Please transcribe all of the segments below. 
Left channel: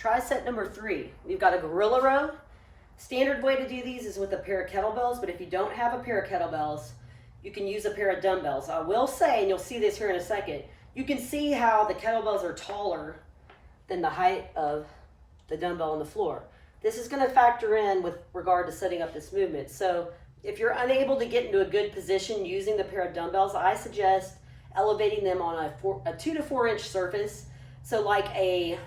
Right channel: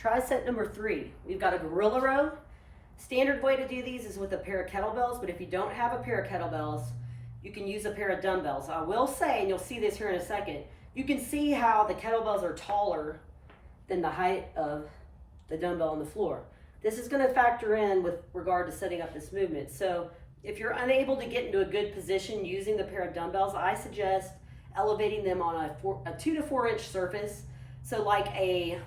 Tricep number 3. We've got a gorilla row. Standard way to do these is with a pair of kettlebells, but if you don't have a pair of kettlebells, you can use a pair of dumbbells. I will say, and you'll see this here in a second, you can see how the kettlebells are taller than the height of the dumbbell on the floor. This is going to factor in with regard to setting up this movement. So if you're unable to get into a good position using the pair of dumbbells, I suggest elevating them on a 2 to 4 inch surface. So like a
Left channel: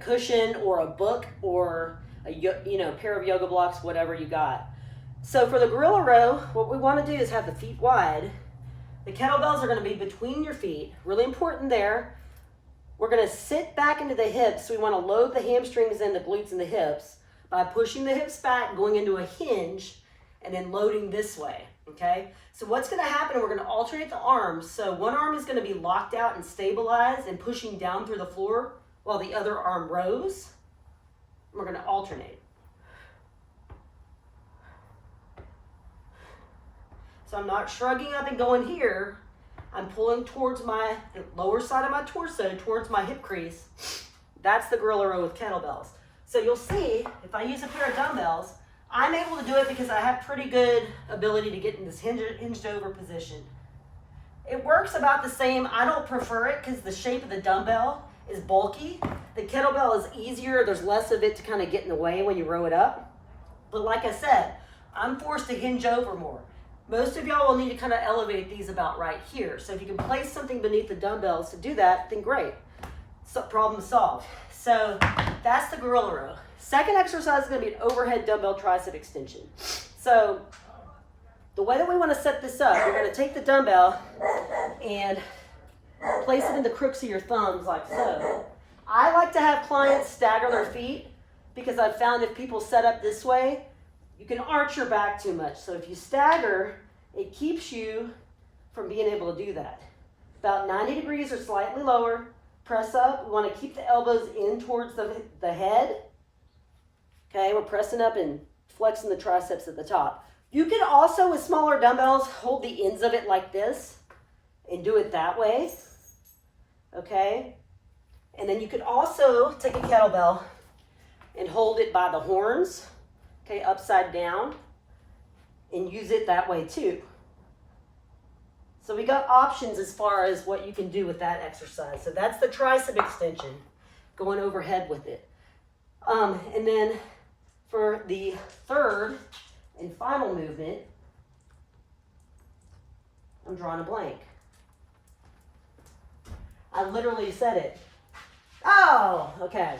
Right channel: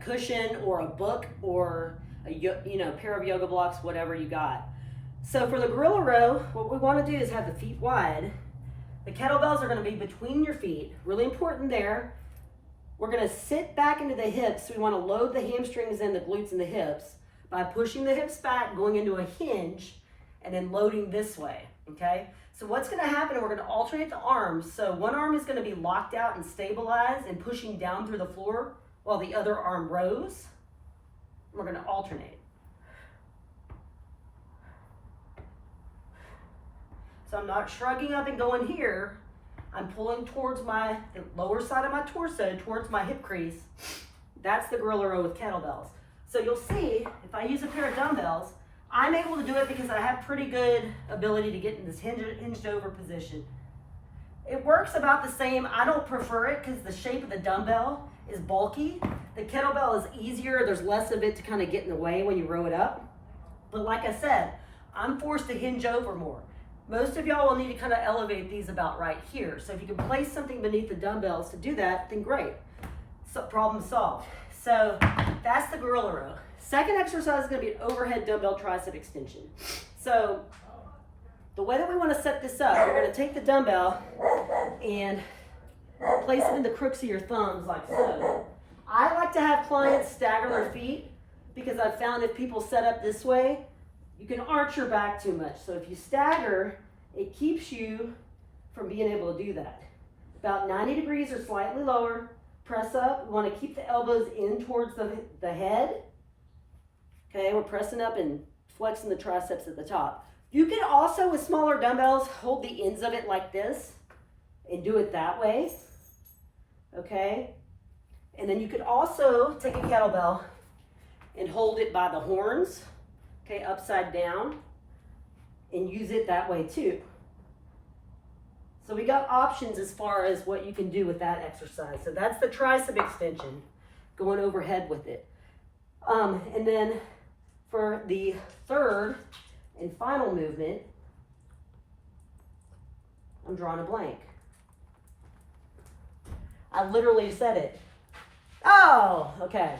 cushion or a book or a pair of yoga blocks, whatever you got. So for the gorilla row, what we want to do is have the feet wide. The kettlebells are going to be between your feet. Really important there. We're going to sit back into the hips. So we want to load the hamstrings and the glutes and the hips by pushing the hips back, going into a hinge, and then loading this way, okay? So what's going to happen, we're going to alternate the arms. So one arm is going to be locked out and stabilized and pushing down through the floor while the other arm rows. We're going to alternate. So I'm not shrugging up and going here. I'm pulling towards the lower side of my torso, towards my hip crease. That's the gorilla row with kettlebells. So you'll see, if I use a pair of dumbbells, I'm able to do it because I have pretty good ability to get in this hinged over position. It works about the same. I don't prefer it because the shape of the dumbbell is bulky. The kettlebell is easier. There's less of it to kind of get in the way when you row it up. But like I said, I'm forced to hinge over more. Most of y'all will need to kind of elevate these about right here. So if you can place something beneath the dumbbells to do that, then great. So problem solved. So that's the gorilla row. Second exercise is going to be an overhead dumbbell tricep extension. So the way that we want to set this up, we're going to take the dumbbell and place it in the crooks of your thumbs like so. I like to have clients stagger their feet because I've found if people set up this way, you can arch your back too much. So if you stagger, it keeps you from being able to do that. About 90 degrees or slightly lower. Press up. We want to keep the elbows in towards the head. Okay, we're pressing up and flexing the triceps at the top. You can also, with smaller dumbbells, hold the ends of it like this and do it that way. Okay? And then you could also take a kettlebell and hold it by the horns. Okay, upside down, and use it that way too. So we got options as far as what you can do with that exercise. So that's the tricep extension, going overhead with it. And then for the third and final movement, I'm drawing a blank. I literally said it. Oh, okay.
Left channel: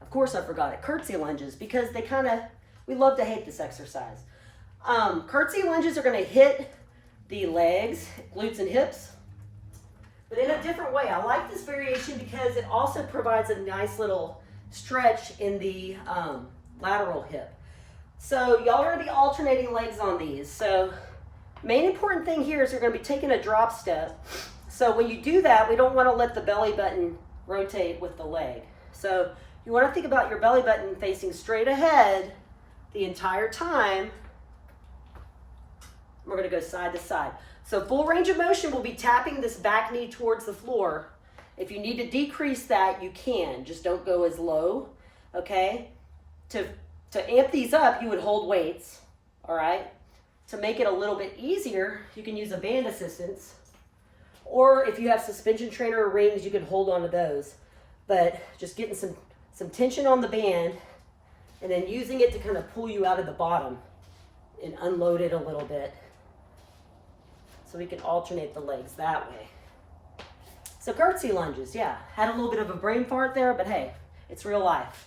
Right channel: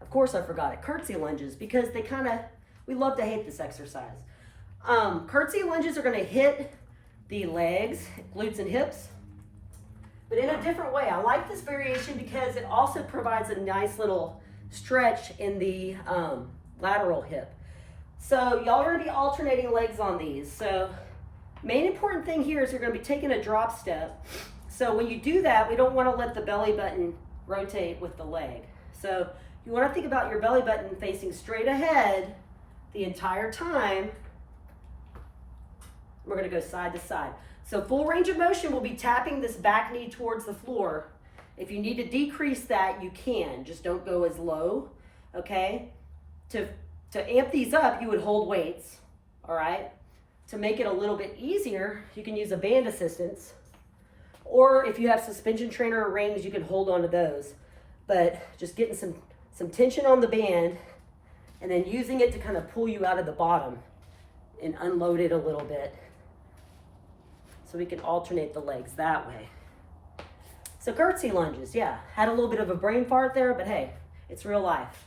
Of course I forgot it. Curtsy lunges, because we love to hate this exercise. Curtsy lunges are going to hit the legs, glutes, and hips, but in a different way. I like this variation because it also provides a nice little stretch in the lateral hip. So y'all are going to be alternating legs on these. So main important thing here is you're going to be taking a drop step. So when you do that, we don't want to let the belly button rotate with the leg. So you want to think about your belly button facing straight ahead the entire time. We're going to go side to side. So full range of motion will be tapping this back knee towards the floor. If you need to decrease that, you can. Just don't go as low, okay? To amp these up, you would hold weights, all right? To make it a little bit easier, you can use a band assistance. Or if you have suspension trainer or rings, you can hold on to those. But just getting some tension on the band and then using it to kind of pull you out of the bottom and unload it a little bit. So we can alternate the legs that way. So curtsy lunges, yeah. Had a little bit of a brain fart there, but hey, it's real life.